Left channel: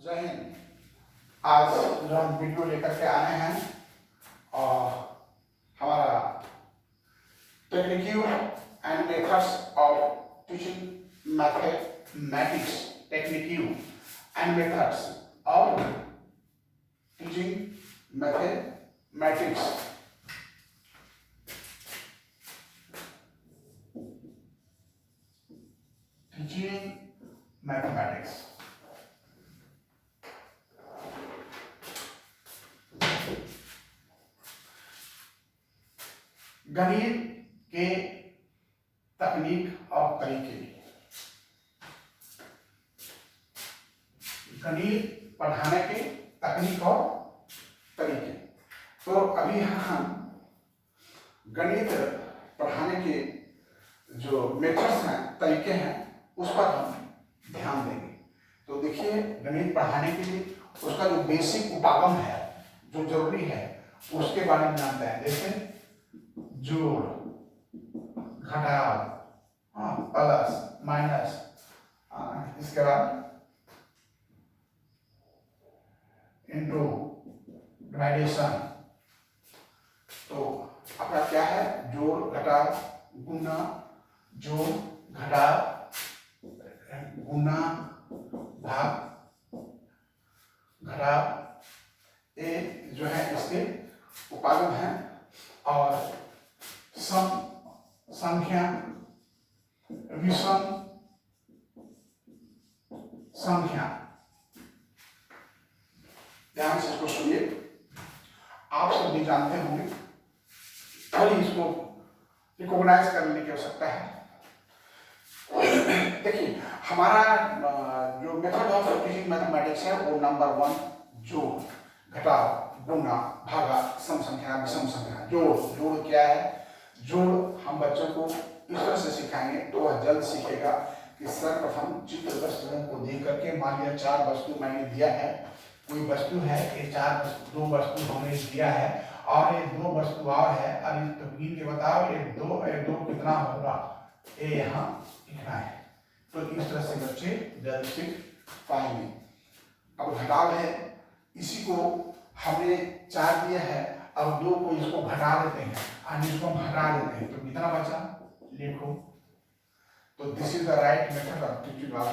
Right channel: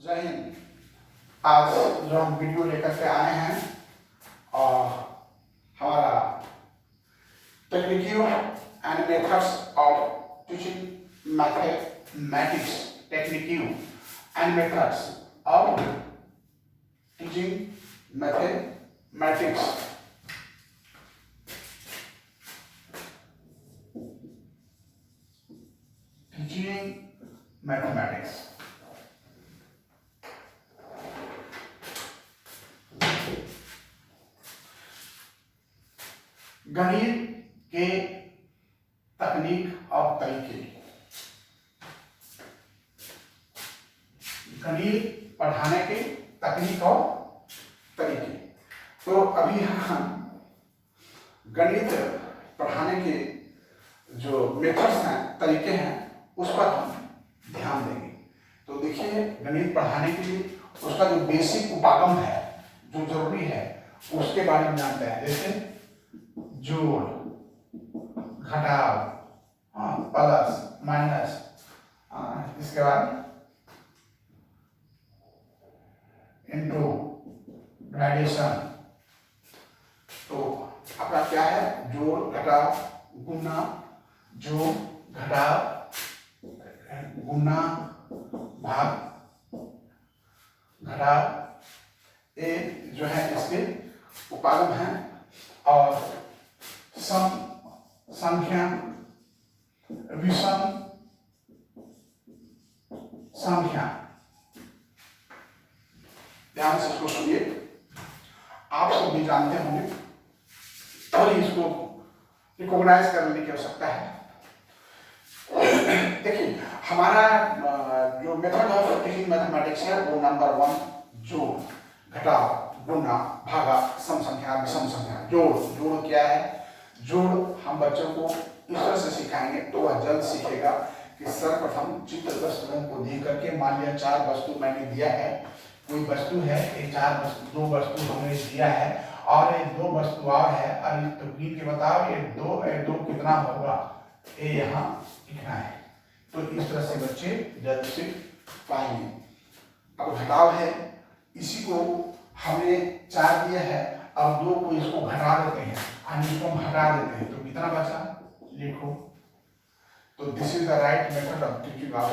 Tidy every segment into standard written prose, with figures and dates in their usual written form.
जय हिंद। आज जो हम वीडियो लेकर के आए हैं और हमारा technique and methods of teaching mathematics, technique and methods of teaching mathematics. Teaching mathematics गणित के तकनीक और तरीके, गणित पढ़ाने के तकनीक और तरीके। तो अभी हम गणित पढ़ाने के जो मेथड्स हैं, तरीके हैं, उस पर हम ध्यान देंगे। तो देखिए, गणित पढ़ाने के लिए उसका जो बेसिक उपागम है, जो जरूरी है, उसके बारे में जानते हैं। जैसे जोड़, घटाव, प्लस माइनस, इसके बाद इंटू, ग्रेडेशन। तो आपका क्या है? जोड़, घटाव, गुना, जोड़, घटाव, गुना, भाग, घटाव, ये जो है इसके उपागम हैं। और सम, संख्या, विषम संख्या। ध्यान से इसको सुनिए, आप सब भी जानते होंगे और इसको रिकॉग्नाइज करने की आवश्यकता है। देखिए, हमारा जो मेथड ऑफ टीचिंग मैथमेटिक्स है वो नंबर 1 जोड़, घटाव, गुना, भागा, सम संख्या, विषम संख्या। जोड़ क्या है? जोड़ हम बच्चों को इस तरह से सिखाएंगे तो वह जल्द सीखेगा कि सर्वप्रथम चित्र वस्तुओं को देख करके, मान लिया 4 वस्तु मैंने दिया है, कोई वस्तु है, ये 2 वस्तु हमने दिया है और ये 2 वस्तु और है। अब तो गिन के बताओ, ये दो कितना होगा, ये यहाँ लिखना है। तो इस तरह से बच्चे जल्द सीख पाएंगे। अब घटाव है, इसी को हमने 4 दिया है, अब 2 को इसको घटा देते हैं और इसको हम हटा देते हैं, तो कितना बचा लिखो। तो this is the right method of teaching of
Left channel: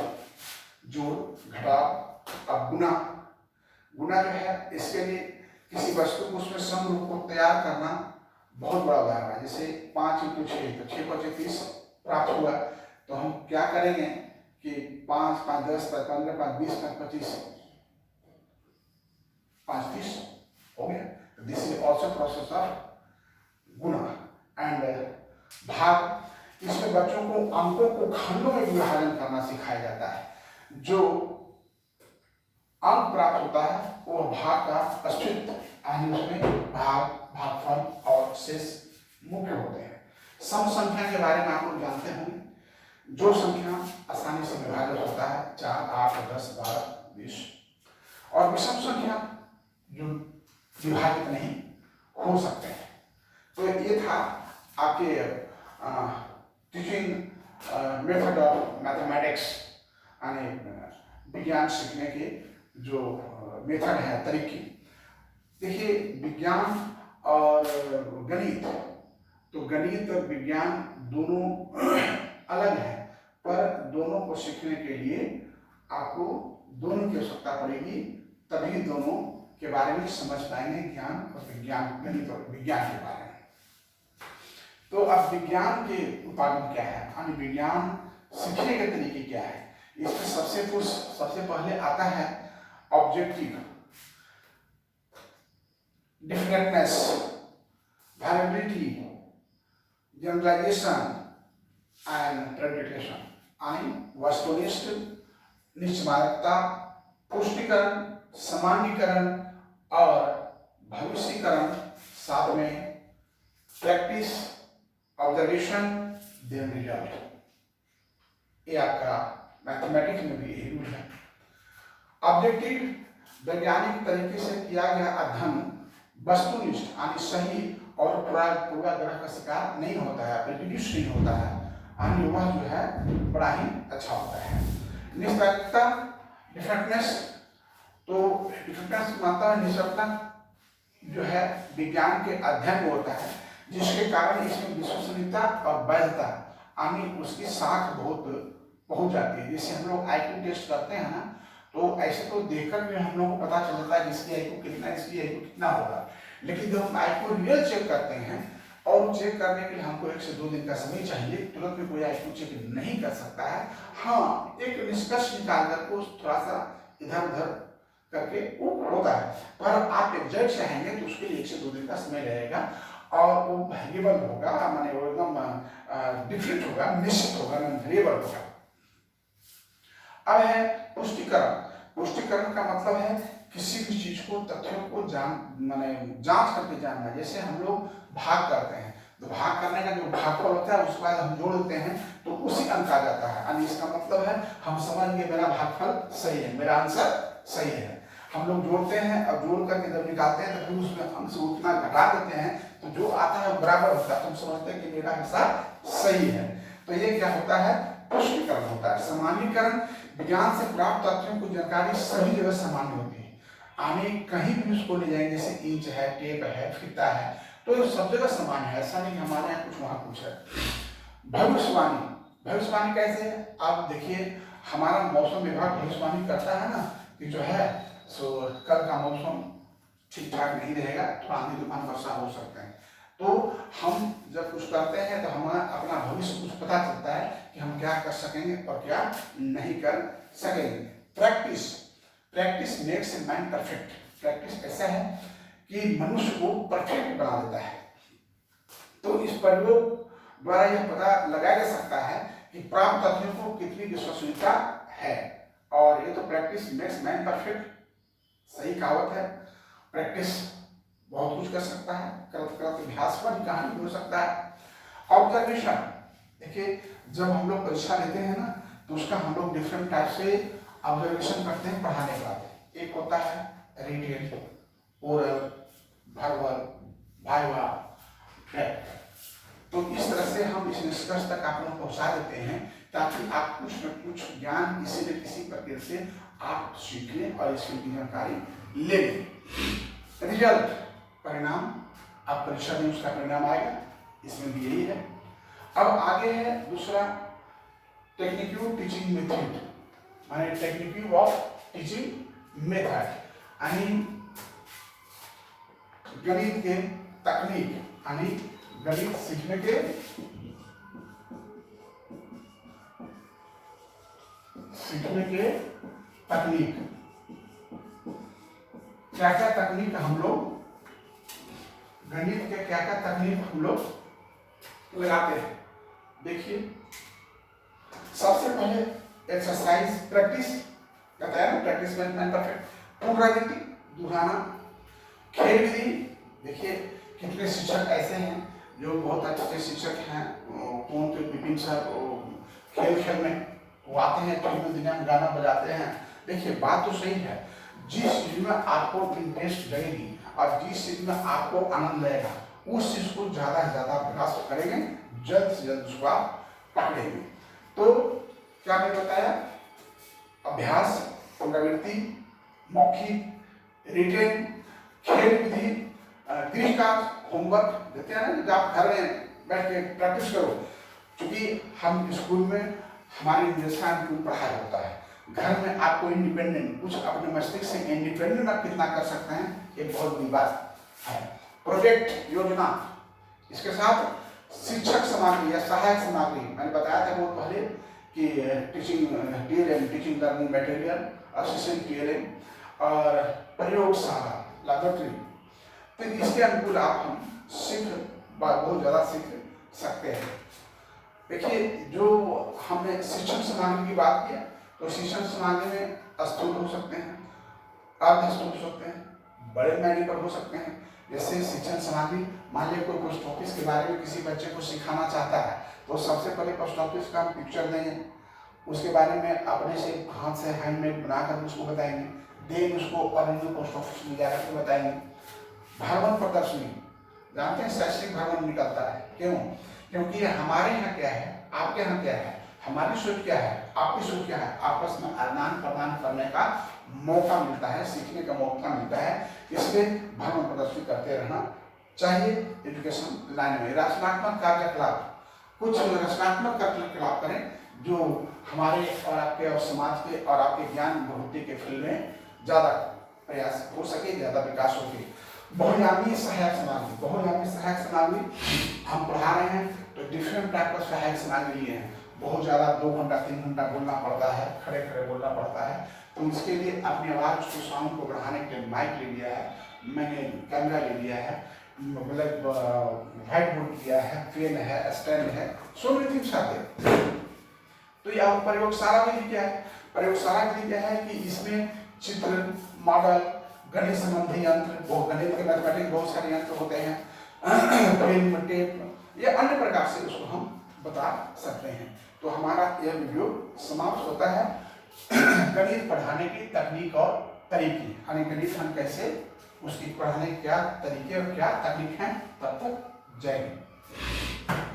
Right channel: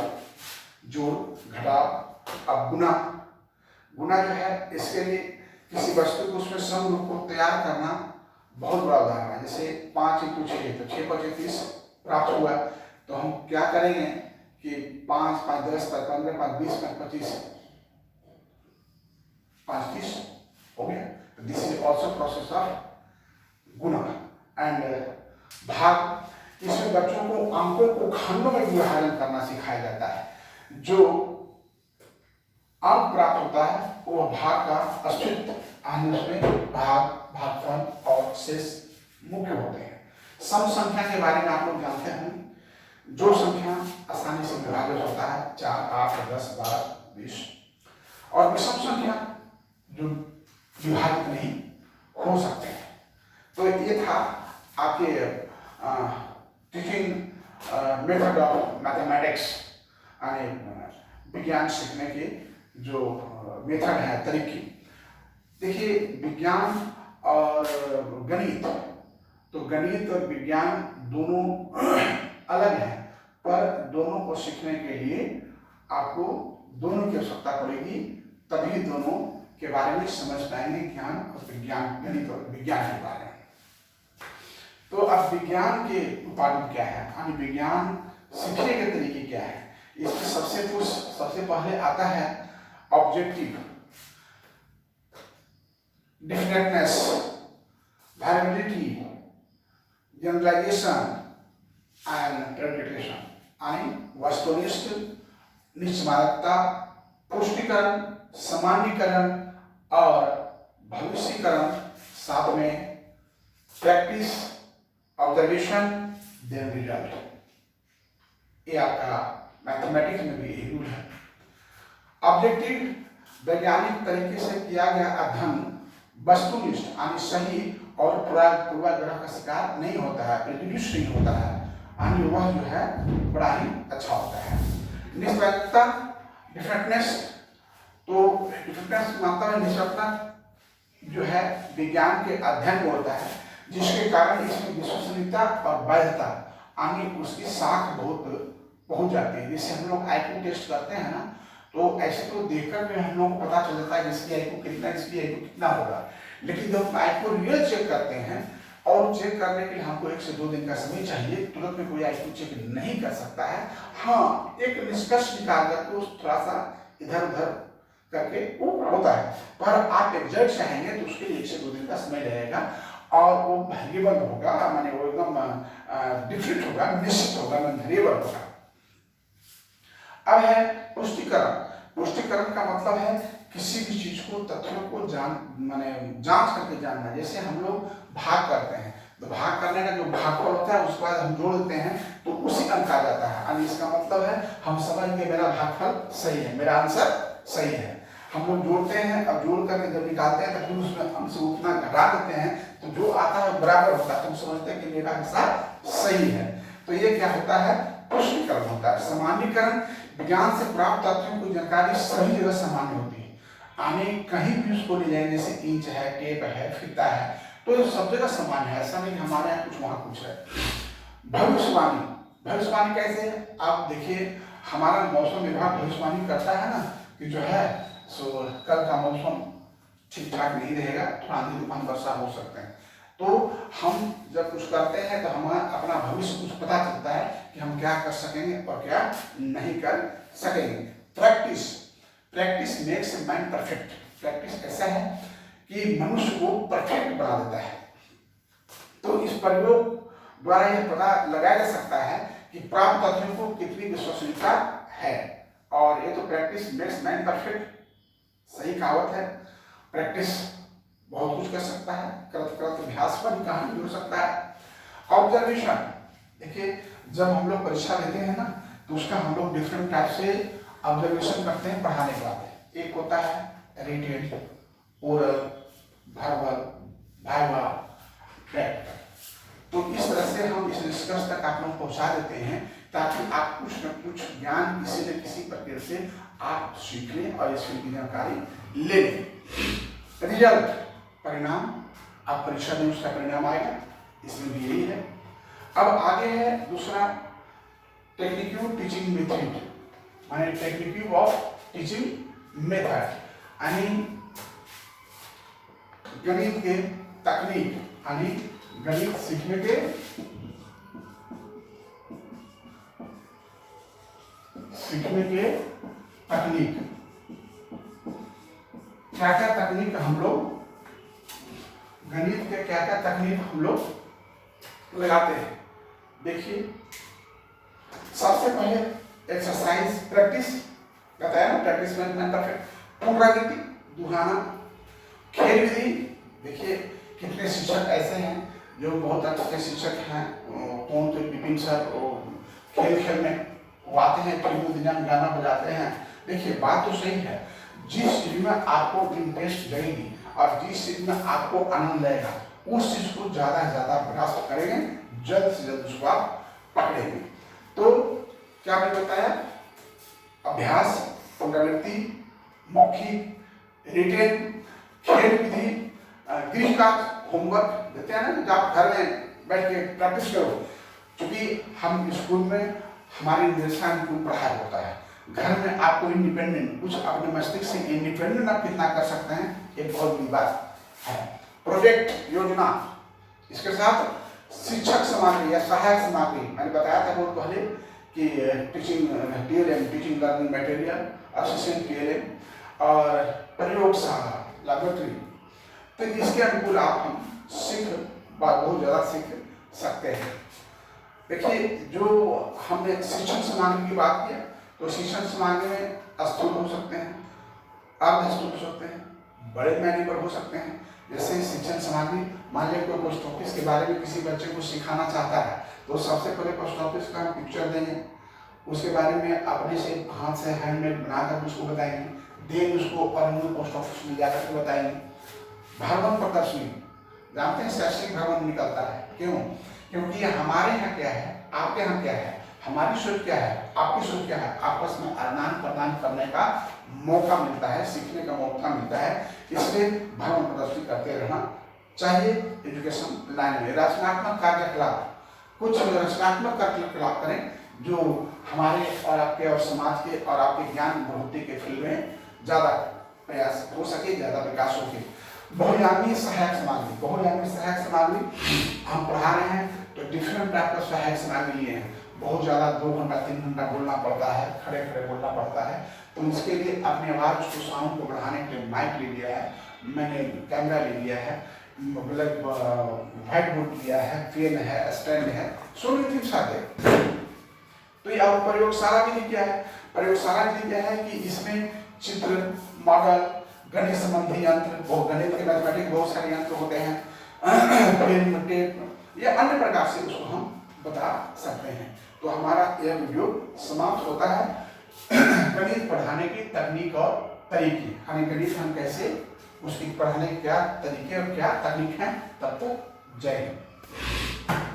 जोड़, घटाव। अब गुना जो है, इसके लिए किसी वस्तु को उसमें समरूप को तैयार करना बहुत बड़ा उदाहरण है। जैसे 5 × 6 तो 6 × 5 = 30 प्राप्त हुआ। तो हम क्या करेंगे कि 5 × 5 = 10, 5 × 15 = 5 × 20 = 25, 5 × 30 हो गया। This is also process of Guna. And भाग, इसमें बच्चों को अंकों को खंडों में विभाजन करना सिखाया जाता है। जो अंक प्राप्त होता है वो भाग का अस्तित्व, यानी उसमें भाग, भागफल और शेष मुख्य होते हैं। सम संख्या के बारे में आप लोग जानते हैं। जो संख्या आसानी से विभाजित होता है, 4, 8, 10, 12, 20। और विषम संख्या जो विभाजित नहीं हो सकते हैं। तो ये था आपके टीचिंग मेथड ऑफ मैथमेटिक्स, यानी विज्ञान सीखने के जो मेथड है, तरीके। देखिए, विज्ञान और गणित, तो गणित और विज्ञान दोनों अलग हैं, पर दोनों को सीखने के लिए आपको दोनों की आवश्यकता पड़ेगी, तभी दोनों के बारे में समझ पाएंगे, ज्ञान और विज्ञान, गणित और विज्ञान के बारे में। तो अब विज्ञान के उपागम क्या है, यानी विज्ञान सीखने के तरीके क्या है। इसमें सबसे पहले आता है ऑब्जेक्टिव, डिफरेंटनेस, वेरिएबिलिटी, जनरलाइजेशन एंड प्रेडिक्टेशन, यानी वस्तुनिष्ठ, निश्चयता, पुष्टिकरण, सामान्यीकरण और भविष्यीकरण, साथ में प्रैक्टिस, ऑब्जर्वेशन, देन रिजल्ट। ये आपका मैथमेटिक्स में भी यही रूल है। ऑब्जेक्टिव वैज्ञानिक तरीके से किया गया अध्ययन वस्तुनिष्ठ, यानी सही और पूर्वाग्रह का शिकार नहीं होता है, प्रेजुडिस नहीं होता है, यानी वह जो है बड़ा ही अच्छा होता है। निष्पक्षता, डिफरेंटनेस तो इफेक्टिवनेस मात्रा में निष्पक्षता जो है विज्ञान के अध्ययन में होता है, जिसके कारण इसमें विश्वसनीयता और वैधता आने उसकी साख बहुत पहुंच जाती है। जैसे हम लोग आईक्यू टेस्ट करते हैं ना, तो ऐसे तो देखकर भी हम लोग को पता चल जाता है कि इसकी आईक्यू कितना, इसकी आईक्यू कितना होगा, लेकिन जब हम आईक्यू रियल चेक करते हैं और चेक करने के लिए हमको 1 से 2 दिन का समय चाहिए, तुरंत में कोई आईक्यू चेक नहीं कर सकता है। हाँ, एक निष्कर्ष निकाल कर को थोड़ा सा इधर उधर करके वो होता है, पर आप एग्जैक्ट चाहेंगे तो उसके लिए 1 से 2 दिन का समय लगेगा और वो वेरिएबल होगा, माने वो एकदम डिफरेंट होगा, निश्चित होगा, वेरिएबल होगा। अब है पुष्टिकरण। पुष्टिकरण का मतलब है किसी भी चीज को, तथ्यों को माने जांच करके जानना। जैसे हम लोग भाग करते हैं, तो भाग करने का जो भागफल होता है उसके बाद हम जोड़ देते हैं तो उसी अंक आ जाता है, यानी इसका मतलब है हम समझ गए मेरा भागफल सही है, मेरा आंसर सही है। हम लोग जोड़ते हैं, अब जोड़ करके जब निकालते हैं तो फिर उसमें अंक से उतना घटा देते हैं तो जो आता है बराबर होता है, तो हम समझते हैं कि मेरा हिसाब सही है। तो ये क्या होता है, पुष्टिकरण होता है। सामान्यीकरण, विज्ञान से प्राप्त तथ्यों की जानकारी सभी जगह सामान्य होती है, आने कहीं भी उसको ले जाएंगे, जैसे इंच है, टेप है, फीता है, तो सब जगह सामान्य है, ऐसा नहीं हमारे यहाँ कुछ वहां कुछ है। भविष्यवाणी, भविष्यवाणी कैसे है, आप देखिए हमारा मौसम विभाग भविष्यवाणी करता है ना कि जो है सो कल का मौसम ठीक ठाक नहीं रहेगा, थोड़ा आंधी तूफान वर्षा हो सकते हैं। तो हम जब कुछ करते हैं तो हमें अपना भविष्य कुछ पता चलता है कि हम क्या कर सकेंगे और क्या नहीं कर सकेंगे। Practice, practice makes a man perfect. Practice ऐसा है कि मनुष्य को परफेक्ट बना देता है। तो इस प्रयोग द्वारा यह पता लगाया जा सकता है कि प्राप्त तथ्यों को कितनी विश्वसनीयता है, और ये तो प्रैक्टिस मेक्स मैन परफेक्ट सही कहावत है। प्रैक्टिस बहुत कुछ कर सकता है, करत करत अभ्यास पर कहानी हो सकता है। ऑब्जर्वेशन, देखिए जब हम लोग परीक्षा लेते हैं ना तो उसका हम लोग डिफरेंट टाइप से ऑब्जर्वेशन करते हैं पढ़ाने के बाद। एक होता है written, oral, verbal, viva, practical. तो इस तरह से हम इस निष्कर्ष तक आप लोग पहुंचा देते हैं ताकि आप कुछ न कुछ ज्ञान किसी न किसी प्रकार से आप सीख लें और इसकी जानकारी ले लें। रिजल्ट, परिणाम, आप परीक्षा दें उसका परिणाम आएगा, इसमें भी यही है। अब आगे है दूसरा टेक्निक्यू टीचिंग मेथड, माने टेक्निक्यू ऑफ टीचिंग मेथड, यानी गणित के तकनीक, यानी गणित सीखने के तकनीक। क्या क्या तकनीक हम लोग, गणित के क्या क्या तकनीक हम लोग लगाते हैं। देखिए सबसे पहले एक्सरसाइज, प्रैक्टिस बताया ना, प्रैक्टिस में परफेक्ट, पुनरावृत्ति, दोहराना, खेल विधि। देखिए कितने शिक्षक ऐसे हैं जो बहुत अच्छे शिक्षक हैं, कौन तो विपिन सर, खेल खेल में वो आते हैं, फिल्म दुनिया में गाना बजाते हैं। देखिए बात तो सही है, जिस चीज में आपको इंटरेस्ट लगेगी और जिस चीज में आपको आनंद लगेगा उस चीज को ज्यादा से ज्यादा प्रयास करेंगे, जल्द से जल्द उसको आप पकड़ेंगे। तो क्या मैंने बताया, अभ्यास, पुनरावृत्ति, मौखिक, रिटेन, खेल विधि, गृह कार्य, होमवर्क देते हैं ना, जब आप घर में बैठ के प्रैक्टिस करो। क्योंकि हम स्कूल में हमारे निर्देशानुकूल पढ़ाई होता है, घर में आपको इंडिपेंडेंट कुछ अपने मस्तिष्क से इंडिपेंडेंट आप कितना कर सकते हैं, एक बहुत बड़ी बात है। प्रोजेक्ट, योजना, इसके साथ शिक्षक सामग्री या सहायक सामग्री, मैंने बताया था बहुत पहले कि teaching TLM, teaching learning material, assistant TLM और प्रयोगशाला, लैबोरेटरी। तो इसके अनुकूल आप हम बहुत ज़्यादा सीख सकते हैं। देखिए जो हमने शिक्षण सामग्री की बात किया, तो शिक्षण सामग्री में स्थूल हो सकते हैं, अर्धस्थूल हो सकते हैं, बड़े मैनी पर हो सकते हैं। जैसे शिक्षण सामग्री, मान लिया कोई पोस्ट ऑफिस के बारे में किसी बच्चे को सिखाना चाहता है तो सबसे पहले पोस्ट ऑफिस का हम पिक्चर देंगे, उसके बारे में अपने से हाथ से हैंडमेड बनाकर उसको बताएंगे, देंगे उसको और उनको पोस्ट ऑफिस में जाकर के बताएंगे। भ्रमण प्रदर्शनी, जानते हैं शैक्षिक भ्रमण निकलता है, क्यों? क्योंकि हमारे यहाँ क्या है, आपके यहाँ क्या है, हमारी सोच क्या है, आपकी सोच क्या है, आपस में आदान प्रदान करने का मौका मिलता है, सीखने का मौका मिलता है, इसलिए भ्रमण प्रदर्शनी करते रहना चाहिए। एजुकेशन लाइन में रचनात्मक कार्यकलाप, कुछ रचनात्मक कार्यकलाप करें जो हमारे और आपके और समाज के और आपके ज्ञान बढ़ोतरी के फील्ड में ज़्यादा प्रयास हो सके, ज़्यादा विकास हो सके। बहुआयामी सहायक सामग्री, बहुआयामी सहायक सामग्री हम पढ़ा रहे हैं तो डिफरेंट टाइप का सहायक सामग्री लिए हैं। बहुत ज़्यादा 2 घंटा 3 घंटा बोलना पड़ता है, खड़े खड़े बोलना पड़ता है, तो उसके लिए अपनी आवाज़ को, साउंड को बढ़ाने के लिए माइक ले लिया है, मैंने कैमरा ले लिया है, मतलब व्हाइट बोर्ड लिया है, पेन है, स्टैंड है, so many things are there. तो ये अब प्रयोगशाला विधि क्या है? प्रयोगशाला विधि क्या है कि इसमें चित्र, मॉडल, गणित संबंधी यंत्र, बहुत गणित के मैथमेटिक्स बहुत सारे यंत्र होते हैं, पेन, टेप या अन्य प्रकार से उसको हम बता सकते हैं। तो हमारा यह वीडियो समाप्त होता है गणित पढ़ाने की तकनीक और तरीके, यानी गणित हम कैसे, उसकी पढ़ाने के क्या तरीके और क्या तकनीक हैं। तब तक जय हिंद।